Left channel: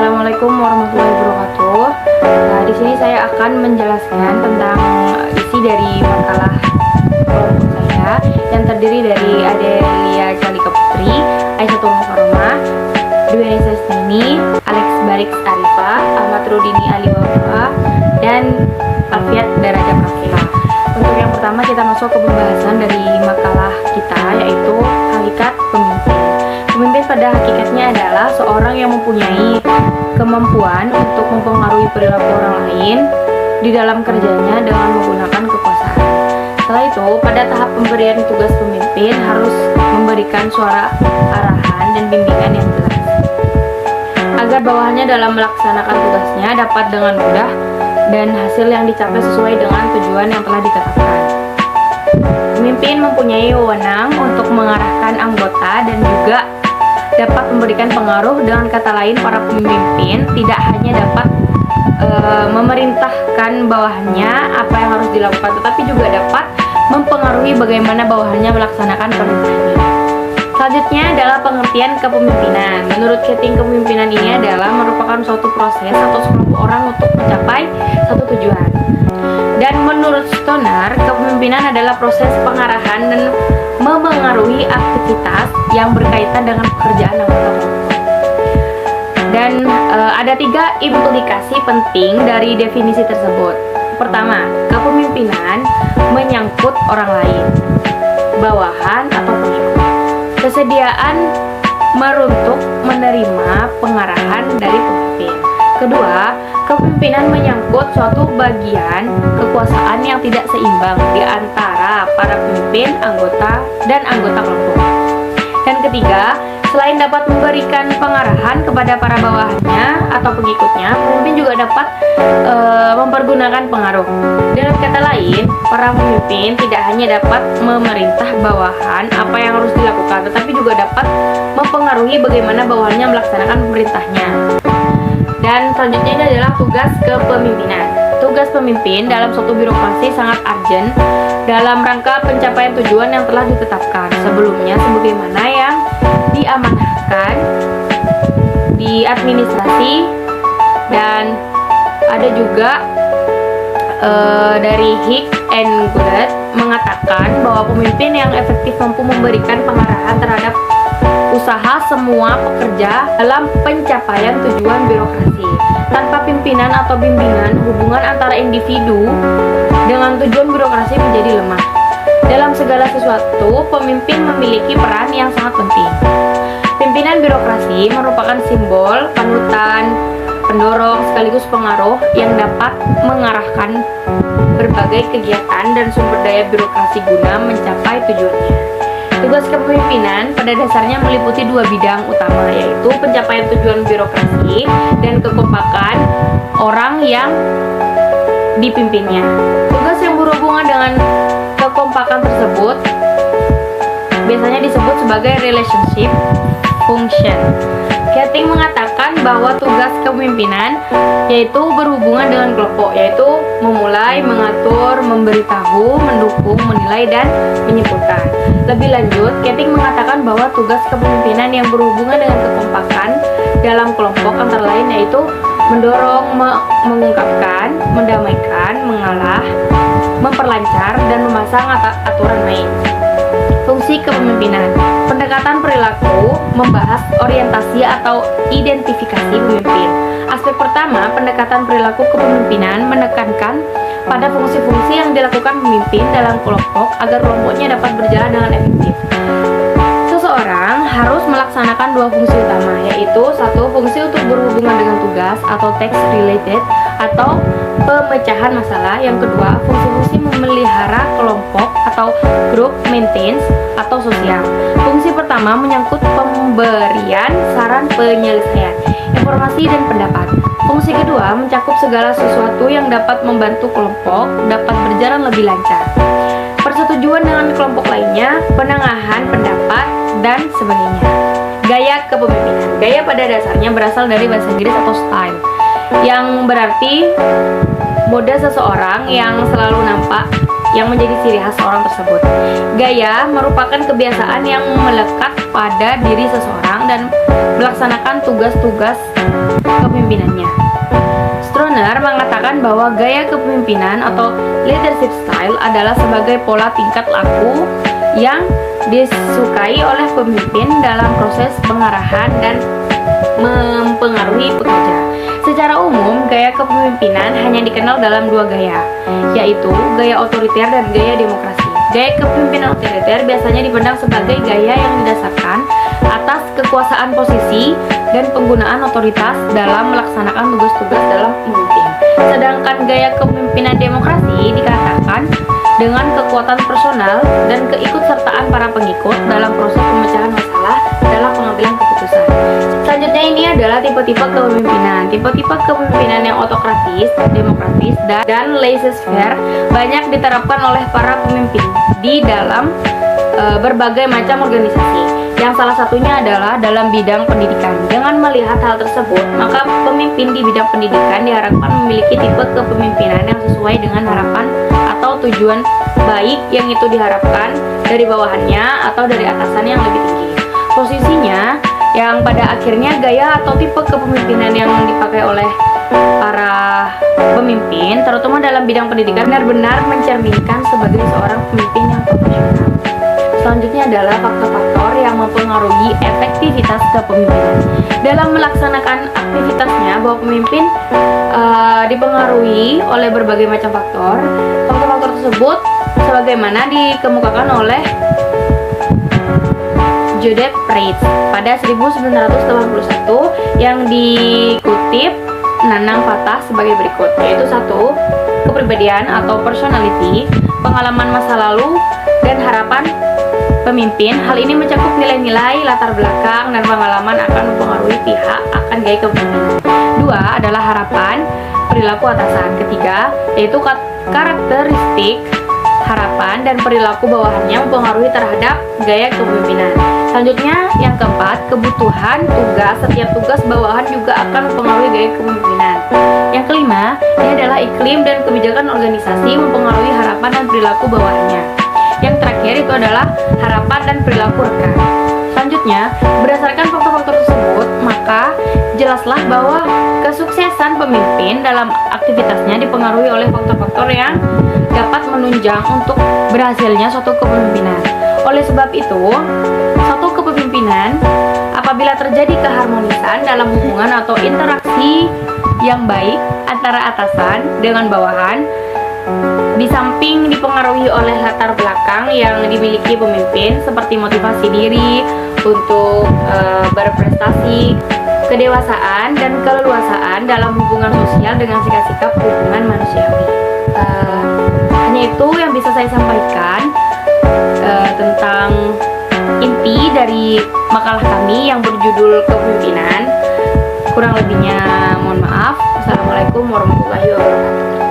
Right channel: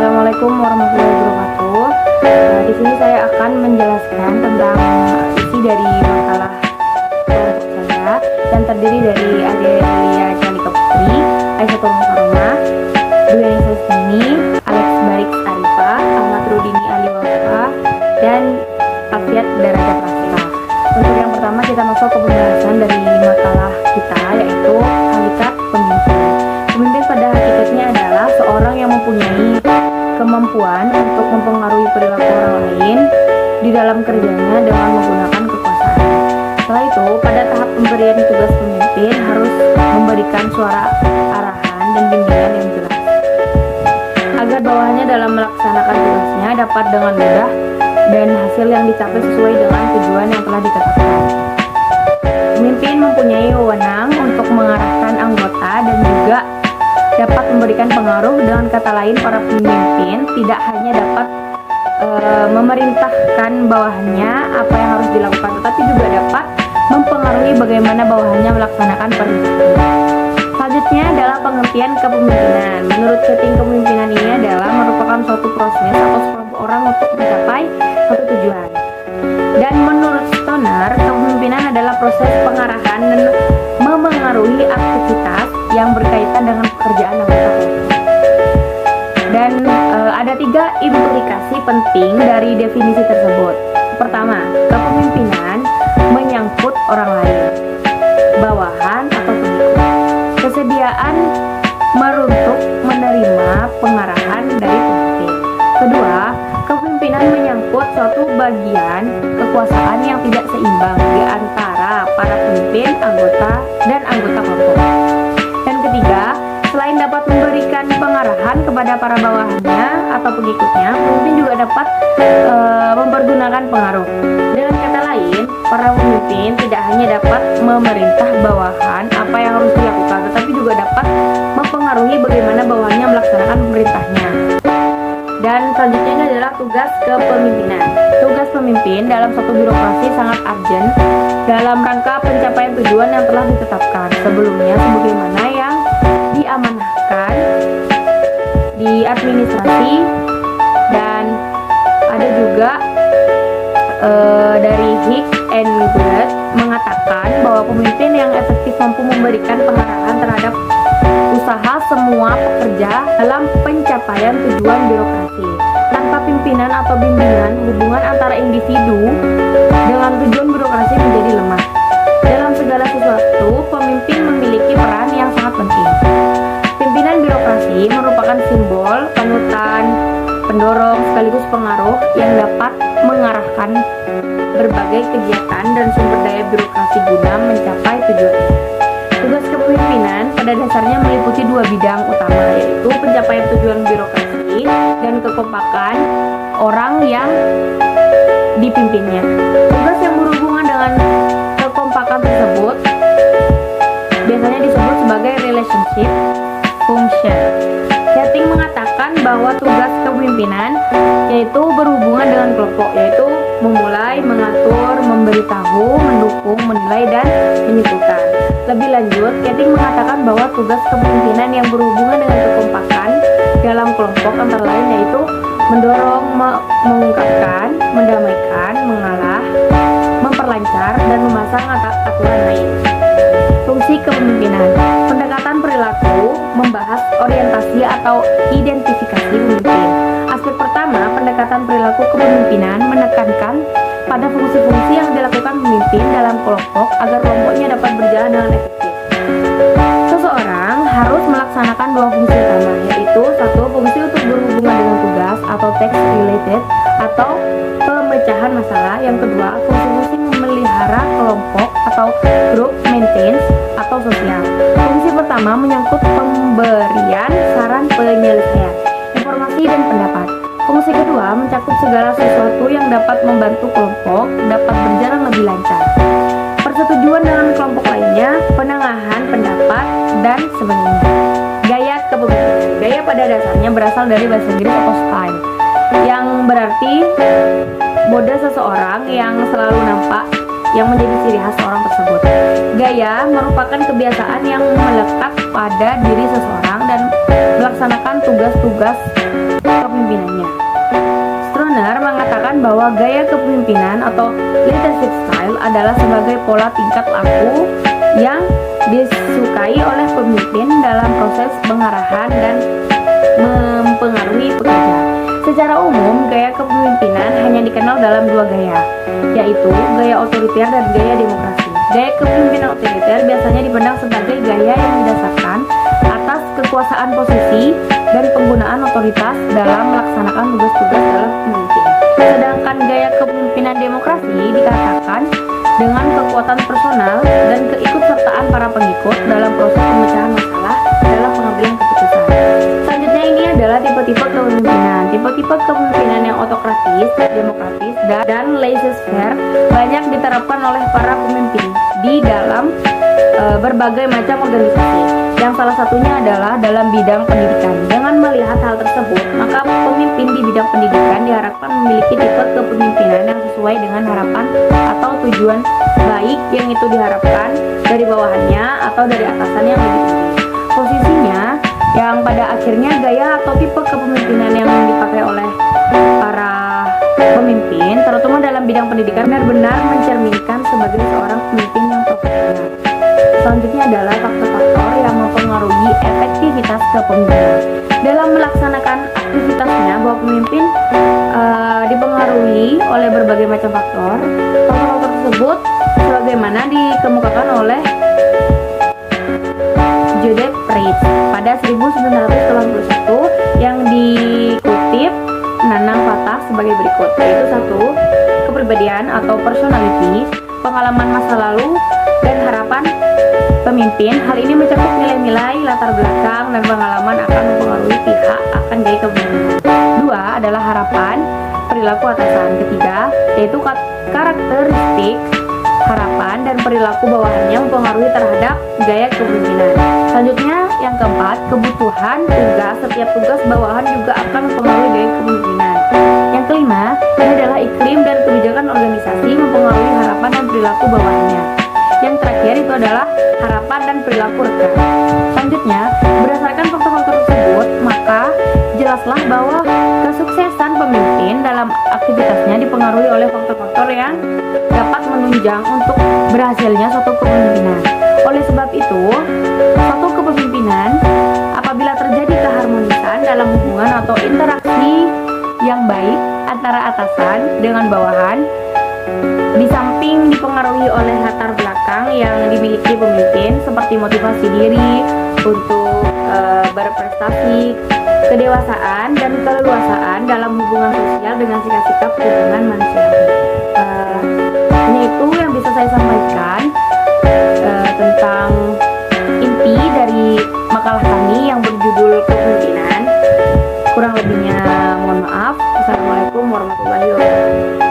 Assalamualaikum warahmatullahi wabarakatuh. Di sini saya akan menjelaskan tentang isi dari makalah kelompok saya yang terdiri dari Adelia Jalika Putri, Aisyah Mukarramah, Dwi Anissa Isnaini, Alex Barik Arifah, Ahmad Rudini Aliwafa, dan Alfiat Daraja Prakila. Untuk yang pertama kita masuk ke pembahasan dari makalah kita, yaitu hakikat pemimpin. Pemimpin pada hakikatnya adalah seorang yang mempunyai kemampuan untuk mempengaruhi perilaku orang lain di dalam kerjanya dengan menggunakan kekuasaan. Setelah itu, pada tahap pemberian tugas pemimpin harus memberikan suara arahan dan bimbingan yang jelas, agar bawahannya dalam melaksanakan tugasnya dapat dengan mudah dan hasil yang dicapai sesuai dengan tujuan yang telah ditetapkan. Pemimpin mempunyai wewenang untuk mengarahkan anggota dan juga dapat memberikan pengaruh. Dengan kata lain, para pemimpin tidak hanya dapat memerintahkan bawahannya apa yang harus dilakukan, tetapi juga dapat mempengaruhi bagaimana bawahannya melaksanakan perintahnya. Selanjutnya adalah pengertian kepemimpinan. Menurut Keting, kepemimpinan ini adalah merupakan suatu proses atau sekelompok orang untuk mencapai satu tujuan. Dan menurut Stoner, kepemimpinan adalah proses pengarahan dan memengaruhi aktivitas yang berkaitan dengan pekerjaan anggota kelompok. Dan ada 3 implikasi penting dari definisi tersebut. Pertama, kepemimpinan menyangkut orang lain, bawahan atau pengikut. Kesediaan meruntuk menerima pengarahan dari pemimpin. Kedua, kepemimpinan menyangkut suatu bagian kekuasaan yang tidak seimbang di antara para pemimpin, anggota, dan anggota kelompok. Dan ketiga, selain dapat memberikan pengarahan kepada para bawahannya atau pengikutnya, pemimpin juga dapat mempergunakan pengaruh. Dengan kata lain, para pemimpin tidak hanya dapat memerintah bawahan apa yang harus dilakukan, tetapi juga dapat mempengaruhi bagaimana bawahannya melaksanakan pemerintahnya. Dan selanjutnya ini adalah tugas kepemimpinan. Tugas pemimpin dalam suatu birokrasi sangat urgent dalam rangka pencapaian tujuan yang telah ditetapkan sebelumnya, sebagaimana yang diamanahkan di administrasi. Dan ada juga dari Hick and Goddard mengatakan bahwa pemimpin yang efektif mampu memberikan pengarahan terhadap usaha semua pekerja dalam pencapaian tujuan birokrasi. Tanpa pimpinan atau bimbingan, hubungan antara individu dengan tujuan birokrasi menjadi lemah. Dalam segala sesuatu, pemimpin memiliki peran yang sangat penting. Pimpinan birokrasi merupakan simbol, panutan, pendorong, sekaligus pengaruh yang dapat mengarahkan berbagai kegiatan dan sumber daya birokrasi guna mencapai tujuannya. Tugas kepemimpinan pada dasarnya meliputi 2 bidang utama, yaitu pencapaian tujuan birokrasi dan kekompakan orang yang dipimpinnya. Tugas yang berhubungan dengan kekompakan tersebut biasanya disebut sebagai relationship function. Keting mengatakan bahwa tugas kepemimpinan yaitu berhubungan dengan kelompok, yaitu memulai, mengatur, memberitahu, mendukung, menilai, dan menyimpulkan. Lebih lanjut, Keting mengatakan bahwa tugas kepemimpinan yang berhubungan dengan kekompakan dalam kelompok antara lain yaitu mendorong, mengungkapkan, mendamaikan, mengalah, memperlancar, dan memasang aturan lain. Fungsi kepemimpinan. Pendekatan perilaku membahas orientasi atau identifikasi pemimpin. Aspek pertama, pendekatan perilaku kepemimpinan menekankan pada fungsi-fungsi yang dilakukan pemimpin dalam kelompok agar kelompoknya dapat berjalan dengan efektif. Seseorang harus melaksanakan 2 fungsi utama, yaitu 1. Fungsi untuk berhubungan dengan tugas atau task related atau pemecahan masalah. Yang kedua, fungsi-fungsi memelihara kelompok atau group maintenance atau sosial. Fungsi pertama menyangkut pemberian saran penyelesaian, informasi, dan pendapat. Fungsi kedua mencakup segala sesuatu yang dapat membantu kelompok dapat berjalan lebih lancar. Persetujuan dengan kelompok lainnya, penengahan pendapat, dan sebagainya. Gaya kepemimpinan. Gaya pada dasarnya berasal dari bahasa Inggris atau style, yang berarti mode seseorang yang selalu nampak yang menjadi ciri khas orang tersebut. Gaya merupakan kebiasaan yang melekat pada diri seseorang dan melaksanakan tugas-tugas kepemimpinannya. Stroner mengatakan bahwa gaya kepemimpinan atau leadership style adalah sebagai pola tingkat laku yang disukai oleh pemimpin dalam proses pengarahan dan mempengaruhi pekerja. Secara umum, gaya kepemimpinan hanya dikenal dalam dua gaya, yaitu gaya otoriter dan gaya demokrasi. Gaya kepemimpinan otoriter biasanya dipandang sebagai gaya yang didasarkan atas kekuasaan posisi dan penggunaan otoritas dalam melaksanakan tugas-tugas dalam pemimpin. Sedangkan gaya kepemimpinan demokrasi dikatakan dengan kekuatan personal dan keikutsertaan para pengikut dalam proses pemecahan masalah dalam pengambilan keputusan. Selanjutnya ini adalah tipe-tipe kepemimpinan. Tipe-tipe kepemimpinan yang otokratis, demokratis, dan laissez-faire banyak diterapkan oleh para pemimpin di dalam berbagai macam organisasi. Yang salah satunya adalah dalam bidang pendidikan. Dengan melihat hal tersebut, maka pemimpin di bidang pendidikan diharapkan memiliki tipe kepemimpinan yang sesuai dengan harapan atau tujuan baik yang itu diharapkan dari bawahannya atau dari atasannya yang lebih tinggi. Posisinya yang pada akhirnya gaya atau tipe kepemimpinan yang dipakai oleh para pemimpin, terutama dalam bidang pendidikan, benar-benar mencerminkan sebagai seorang pemimpin yang profesional. Selanjutnya adalah faktor-faktor yang mempengaruhi efektivitas kepemimpinan. Dalam melaksanakan aktivitasnya, bahwa pemimpin dipengaruhi oleh berbagai macam faktor. Faktor-faktor tersebut sebagaimana dikemukakan oleh Joseph Reitz pada 1981 yang dikutip Nanang Fatah sebagai berikut, yaitu 1. Kepribadian atau personality, pengalaman masa lalu, dan harapan pemimpin. Hal ini mencakup nilai-nilai, latar belakang, dan pengalaman akan mempengaruhi pihak akan gaya kepemimpinan. 2 adalah harapan, perilaku atasan. 3 yaitu karakteristik, harapan, dan perilaku bawahannya mempengaruhi terhadap gaya kepemimpinan. Selanjutnya yang keempat, kebutuhan tugas. Setiap tugas bawahan juga akan mempengaruhi gaya kepemimpinan. Yang kelima, ini adalah iklim dan kebijakan organisasi mempengaruhi harapan dan perilaku bawahannya. Yang terakhir itu adalah harapan dan perilaku rekan. Selanjutnya, berdasarkan faktor-faktor tersebut, maka jelaslah bahwa kesuksesan pemimpin dalam aktivitasnya dipengaruhi oleh faktor-faktor yang dapat menunjang untuk berhasilnya suatu kepemimpinan. Oleh sebab itu, suatu kepemimpinan apabila terjadi keharmonisan dalam hubungan atau interaksi yang baik antara atasan dengan bawahan, di samping dipengaruhi oleh latar belakang yang dimiliki pemimpin seperti motivasi diri untuk berprestasi, kedewasaan, dan keleluasaan dalam hubungan sosial dengan sikap-sikap hubungan manusiawi. Hanya itu yang bisa saya sampaikan tentang inti dari makalah kami yang berjudul kepemimpinan. Kurang lebihnya mohon maaf. Assalamualaikum warahmatullahi wabarakatuh.